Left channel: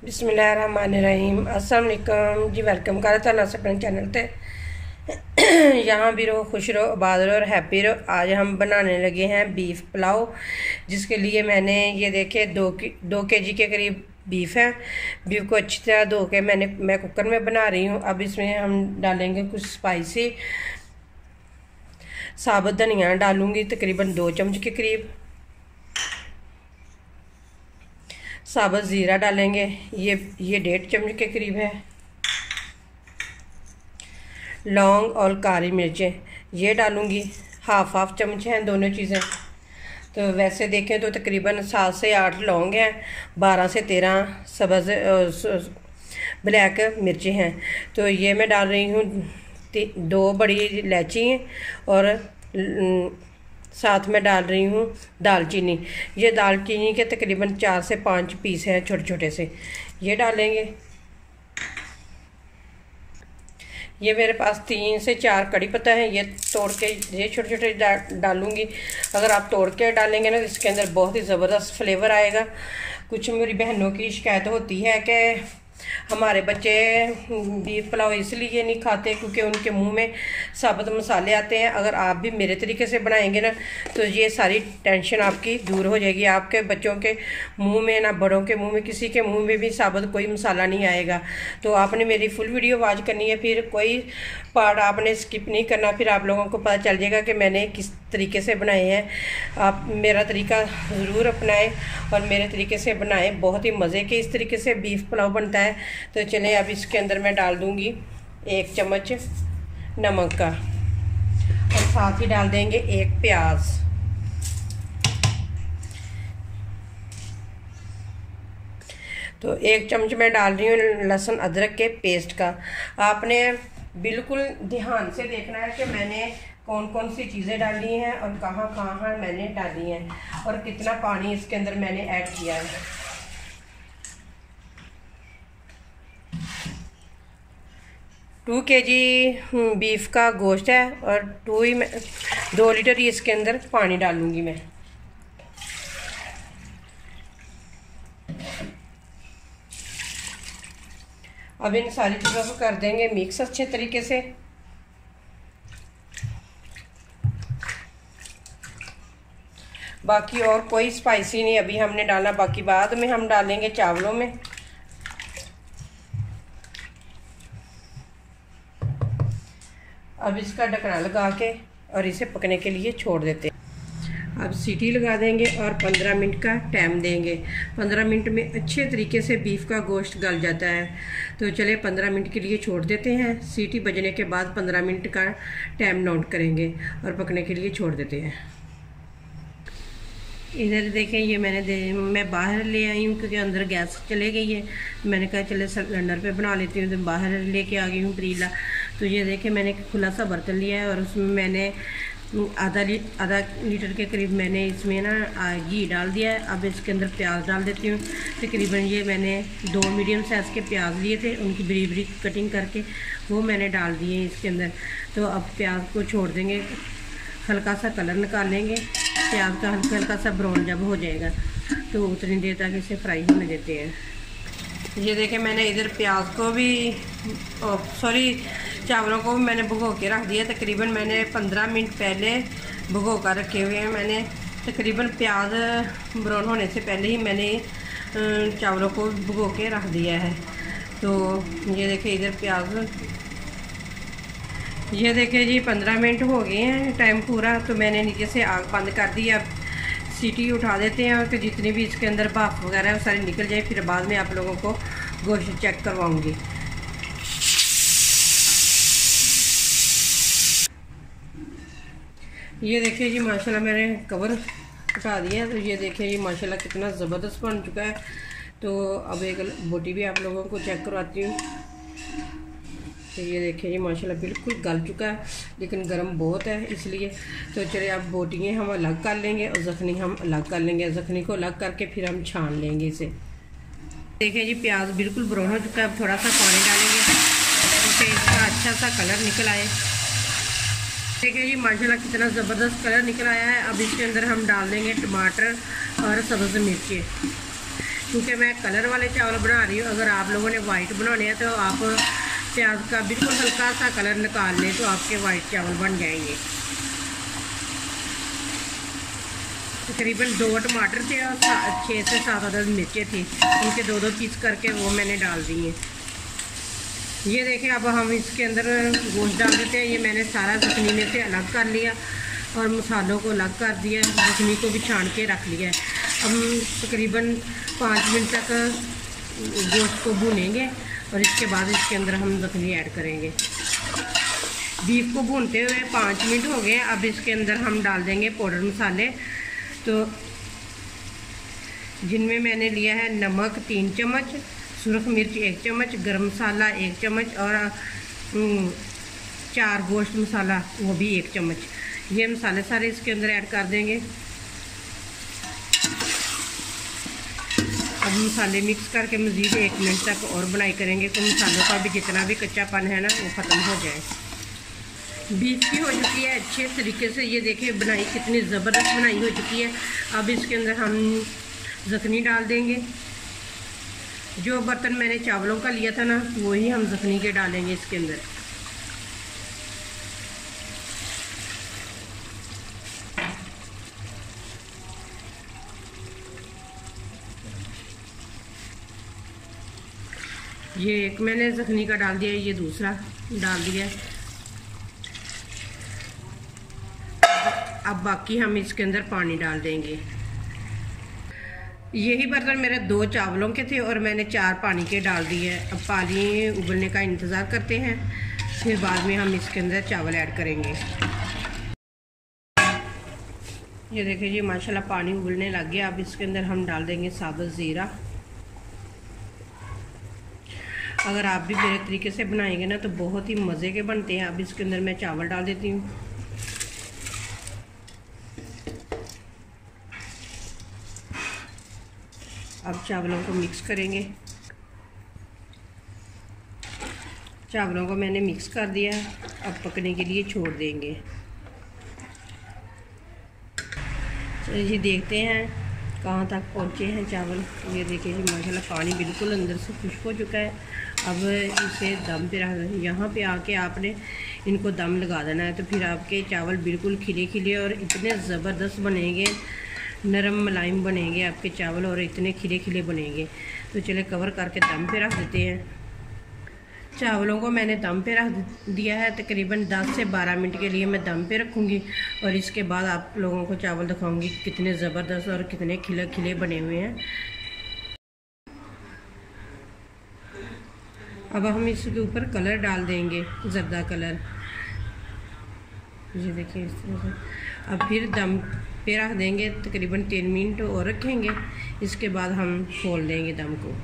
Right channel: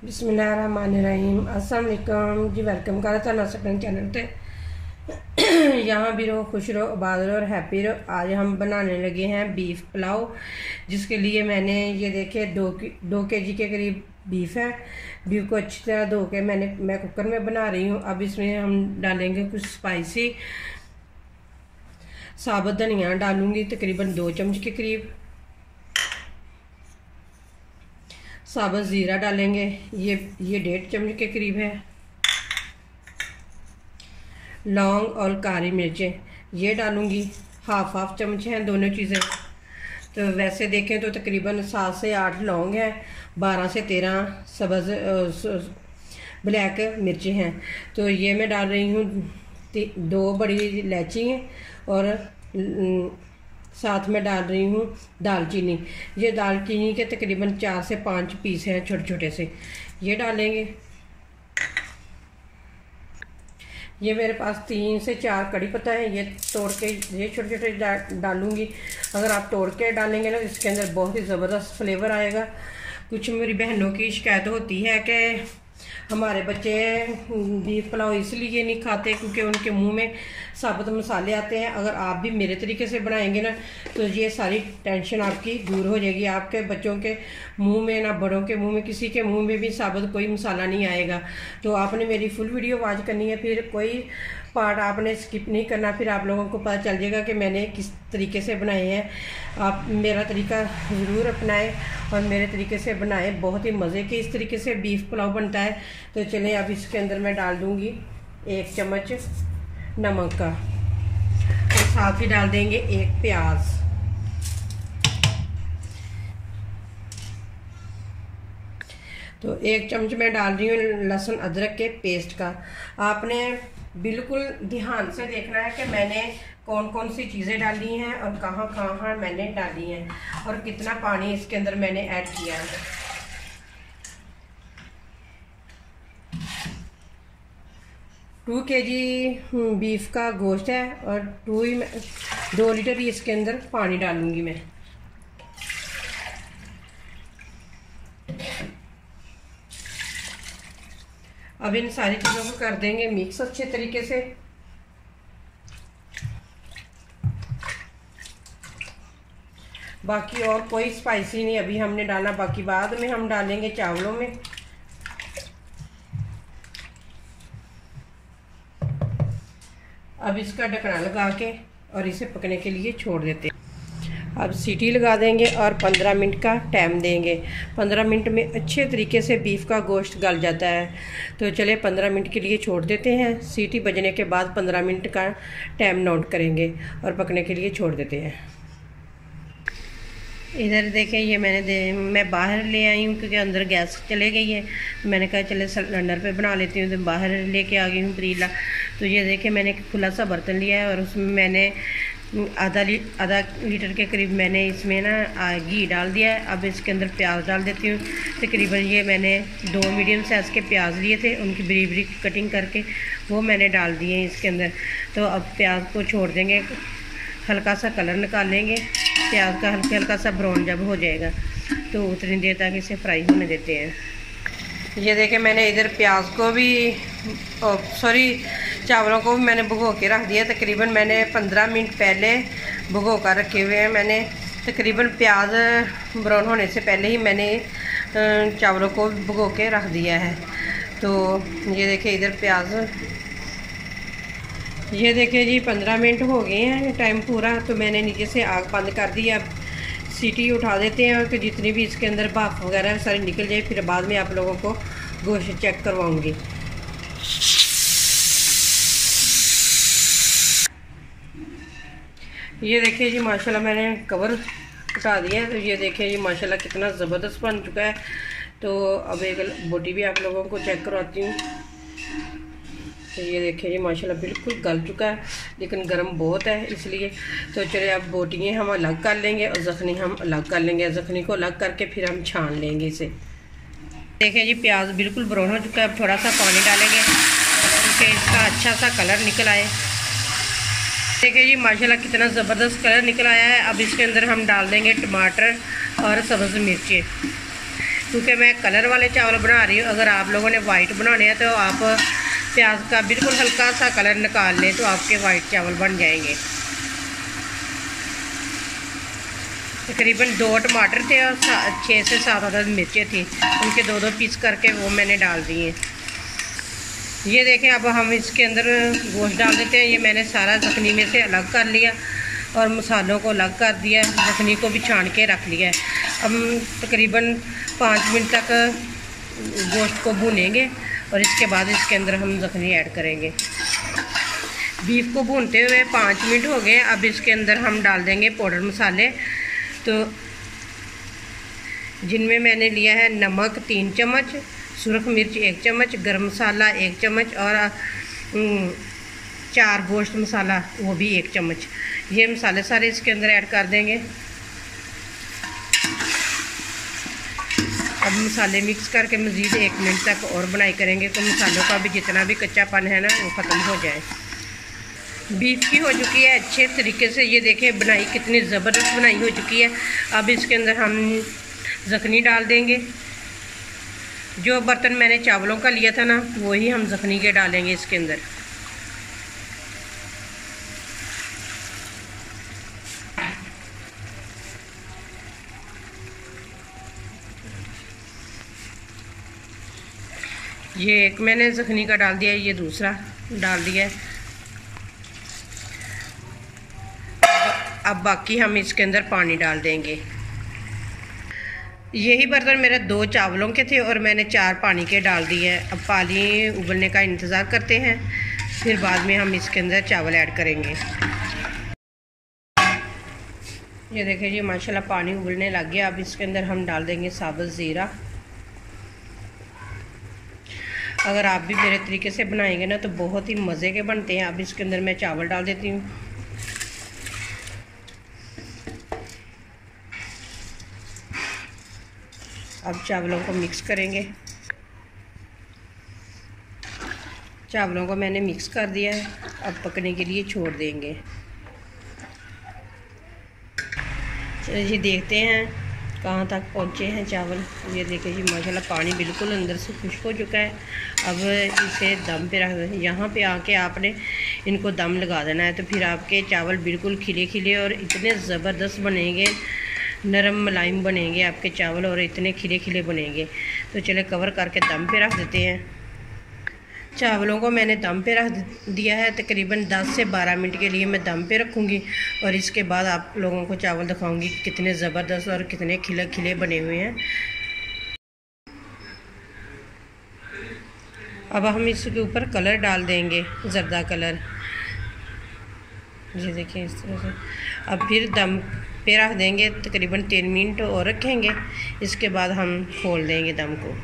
बिस्मिल्लाहिर्रहमानिर्रहीम। अस्सलाम वालेकुम जी। वेलकम करा था अपने चैनल पे। यहाँ भी रहो, खुश रहो, आबाद रहो और हैप्पी रहो। आज हम बनाने लगे हैं बीफ पुलाव, जिसके लिए मैंने ये देखे 2 केजी के करीब बीफ है। बीफ को अच्छी तरह धो के मैं कुकर में बना रही हूँ। अब इसमें हम डालेंगे कुछ स्पाइसी। साबुत धनिया डालूंगी तकरीबन 2 चम्मच के करीब। साबुत ज़ीरा डालेंगे, ये 1.5 चम्मच के करीब है। लौंग और काली मिर्चें ये डालूंगी, हाफ चम्मच हैं दोनों चीज़ें। तो वैसे देखें तो तकरीबन 7 से 8 लौंग हैं, 12 से 13 सब्ज़ ब्लैक मिर्चें हैं। तो ये मैं डाल रही हूँ 2 बड़ी इलायची और साथ में डाल रही हूँ दालचीनी। ये दालचीनी के तकरीबन 4 से 5 पीस हैं छोटे छोटे से, ये डालेंगे। ये मेरे पास 3 से 4 कड़ी पत्ता है, ये तोड़ के ये छोटे छोटे डालूंगी। अगर आप तोड़ के डालेंगे ना तो इसके अंदर बहुत ही ज़बरदस्त फ्लेवर आएगा। कुछ मेरी बहनों की शिकायत होती है कि हमारे बच्चे बीफ पुलाव इसलिए नहीं खाते क्योंकि उनके मुंह में साबुत मसाले आते हैं। अगर आप भी मेरे तरीके से बनाएंगे ना तो ये सारी टेंशन आपकी दूर हो जाएगी। आपके बच्चों के मुंह में ना बड़ों के मुंह में, किसी के मुंह में भी साबुत कोई मसाला नहीं आएगा। तो आपने मेरी फुल वीडियो वॉच करनी है, फिर कोई पार्ट आपने स्किप नहीं करना। फिर आप लोगों को पता चल जाएगा कि मैंने किस तरीके से बनाए हैं। आप मेरा तरीका ज़रूर अपनाएं और मेरे तरीके से बनाएं, बहुत ही मज़े के इस तरीके से बीफ पुलाव बनता है। तो चलें अब इसके अंदर मैं डाल दूंगी 1 चम्मच नमक का और साथ ही डाल देंगे 1 प्याज। तो 1 चम्मच मैं डाल रही हूँ लहसुन अदरक के पेस्ट का। आपने बिल्कुल ध्यान से देखना है कि मैंने कौन कौन सी चीज़ें डाली हैं और कहाँ कहाँ मैंने डाली हैं और कितना पानी इसके अंदर मैंने ऐड किया है। 2 केजी बीफ का गोश्त है और 2 लीटर ही इसके अंदर पानी डालूंगी मैं। अब इन सारी चीज़ों को कर देंगे मिक्स अच्छे तरीके से। बाकी और कोई स्पाइसी नहीं अभी हमने डालना, बाकी बाद में हम डालेंगे चावलों में। अब इसका ढक्कना लगा के और इसे पकने के लिए छोड़ देते हैं। अब सीटी लगा देंगे और 15 मिनट का टाइम देंगे। 15 मिनट में अच्छे तरीके से बीफ का गोश्त गल जाता है। तो चले 15 मिनट के लिए छोड़ देते हैं। सीटी बजने के बाद 15 मिनट का टाइम नोट करेंगे और पकने के लिए छोड़ देते हैं। इधर देखें, ये मैं बाहर ले आई हूँ क्योंकि अंदर गैस चले गई है। मैंने कहा चले सिलेंडर पे बना लेती हूँ, तो बाहर लेके आ गई हूँ पतीला। तो ये देखें मैंने एक खुला सा बर्तन लिया है और उसमें मैंने आधा लीटर के करीब मैंने इसमें ना घी डाल दिया है। अब इसके अंदर प्याज डाल देती हूँ। तकरीबन ये मैंने 2 मीडियम साइज़ के प्याज लिए थे, उनकी बड़ी बड़ी कटिंग करके वो मैंने डाल दिए हैं इसके अंदर। तो अब प्याज को छोड़ देंगे, हल्का सा कलर निकाल लेंगे प्याज का। हल्का सा ब्राउन जब हो जाएगा तो उतनी देर तक इसे फ्राई होने देते हैं। ये देखें मैंने इधर प्याज को भी चावलों को भी मैंने भिगो के रख दिया। तकरीबन मैंने 15 मिनट पहले भिगो कर रखे हुए हैं। मैंने तकरीबन प्याज ब्राउन होने से पहले ही मैंने चावलों को भिगो के रख दिया है। तो ये देखें इधर प्याज, ये देखें जी 15 मिनट हो गए हैं टाइम पूरा। तो मैंने नीचे से आग बंद कर दी। अब सीटी उठा देते हैं कि जितनी भी इसके अंदर भाप वगैरह सारी निकल जाए। फिर बाद में आप लोगों को गोश्त चेक करवाऊंगी। ये देखिए जी माशाल्लाह मैंने कवर हटा दिया है। तो ये देखिए जी माशाल्लाह कितना ज़बरदस्त बन चुका है। तो अब एक बोटी भी आप लोगों को चेक करवाती हूँ। तो ये देखिए जी माशाल्लाह बिल्कुल गल चुका है, लेकिन गर्म बहुत है इसलिए। तो चलिए अब बोटियाँ हम अलग कर लेंगे और ज़ख्नी हम अलग कर लेंगे। ज़ख्नी को अलग करके फिर हम छान लेंगे इसे। देखिए जी प्याज बिल्कुल ब्राउन हो चुका है। अब थोड़ा सा पानी डालेंगे क्योंकि इसका अच्छा सा कलर निकल आए। देखिए जी माशाल्लाह कितना ज़बरदस्त कलर निकल आया है। अब इसके अंदर हम डाल देंगे टमाटर और सब्ज़ मिर्ची। क्योंकि मैं कलर वाले चावल बना रही हूँ। अगर आप लोगों ने वाइट बनाने हैं तो आप प्याज का बिल्कुल हल्का सा कलर निकाल लें तो आपके वाइट चावल बन जाएंगे। तकरीबन 2 टमाटर थे और 6 से 7 अदद मिर्चें थी, उनके 2-2 पीस करके वो मैंने डाल दिए। ये देखें, अब हम इसके अंदर गोश्त डाल देते हैं। ये मैंने सारा ज़ख्नी में से अलग कर लिया और मसालों को अलग कर दिया, ज़ख्नी को भी छान के रख लिया है। हम तकरीबन 5 मिनट तक गोश्त को भूनेंगे और इसके बाद इसके अंदर हम ज़ख्नी ऐड करेंगे। बीफ को भूनते हुए 5 मिनट हो गए। अब इसके अंदर हम डाल देंगे पाउडर मसाले, तो जिनमें मैंने लिया है नमक 3 चम्मच, सुरख मिर्च 1 चम्मच, गरम मसाला 1 चम्मच और 4 गोश्त मसाला वो भी 1 चम्मच। ये मसाले सारे इसके अंदर ऐड कर देंगे। अब मसाले मिक्स करके मज़ीद 1 मिनट तक और बनाई करेंगे तो मसालों का भी जितना भी कच्चापन है ना वो ख़त्म हो जाए। बीफ की हो चुकी है अच्छे तरीके से। ये देखें बनाई कितनी ज़बरदस्त बनाई हो चुकी है। अब इसके अंदर हम ज़ख्नी डाल देंगे। जो बर्तन मैंने चावलों का लिया था ना वही हम ज़ख्नी के डालेंगे इसके अंदर। ये एक मैंने ज़ख्नी का डाल दिया है, ये दूसरा डाल दिया है। अब बाकी हम इसके अंदर पानी डाल देंगे। यही बर्तन मेरे 2 चावलों के थे और मैंने 4 पानी के डाल दिए हैं। अब पानी उबलने का इंतज़ार करते हैं, फिर बाद में हम इसके अंदर चावल ऐड करेंगे। ये देखिए जी माशाल्लाह पानी उबलने लग गया। अब इसके अंदर हम डाल देंगे साबुत ज़ीरा। अगर आप भी मेरे तरीके से बनाएंगे ना तो बहुत ही मज़े के बनते हैं। अब इसके अंदर मैं चावल डाल देती हूँ। अब चावलों को मिक्स करेंगे। चावलों को मैंने मिक्स कर दिया है, अब पकने के लिए छोड़ देंगे। चलिए जी देखते हैं कहाँ तक पहुँचे हैं चावल। ये देखिए जी माशाल्लाह पानी बिल्कुल अंदर से खुश्क हो चुका है। अब इसे दम पे रख दें। यहाँ पे आके आपने इनको दम लगा देना है तो फिर आपके चावल बिल्कुल खिले खिले और इतने ज़बरदस्त बनेंगे, नरम मुलायम बनेंगे आपके चावल और इतने खिले खिले बनेंगे। तो चले कवर करके दम पे रख देते हैं। चावलों को मैंने दम पे रख दिया है। तकरीबन 10 से 12 मिनट के लिए मैं दम पे रखूँगी और इसके बाद आप लोगों को चावल दिखाऊंगी कितने ज़बरदस्त और कितने खिले खिले बने हुए हैं। अब हम इसके ऊपर कलर डाल देंगे, ज़र्दा कलर। ये देखिए इस तरह से। अब फिर दम पे रख देंगे, तकरीबन 3 मिनट और रखेंगे। इसके बाद हम खोल देंगे दम को।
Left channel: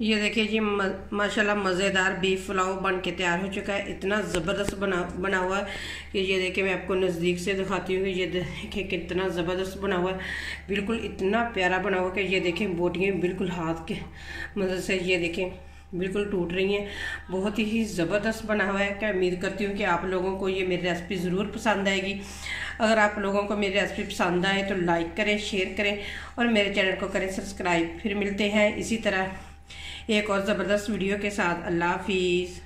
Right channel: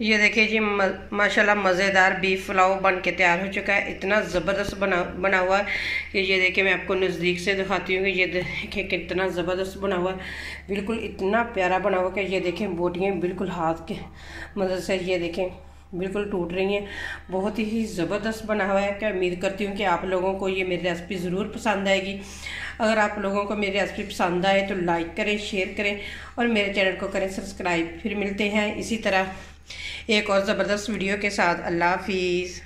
ये देखिए जी माशाल्लाह मज़ेदार बीफ पुलाव बन के तैयार हो चुका है। इतना ज़बरदस्त बना हुआ है कि ये देखिए मैं आपको नज़दीक से दिखाती हूँ कि ये देखिए कितना ज़बरदस्त बना हुआ है। बिल्कुल इतना प्यारा बना हुआ कि ये देखें बोटियाँ बिल्कुल हाथ के मदद से ये देखें बिल्कुल टूट रही हैं। बहुत ही ज़बरदस्त बना हुआ है। क्या उम्मीद करती हूँ कि आप लोगों को ये मेरी रेसिपी ज़रूर पसंद आएगी। अगर आप लोगों को मेरी रेसिपी पसंद आए तो लाइक करें, शेयर करें और मेरे चैनल को करें सब्सक्राइब। फिर मिलते हैं इसी तरह एक और ज़बरदस्त वीडियो के साथ। अल्लाह हाफिज़।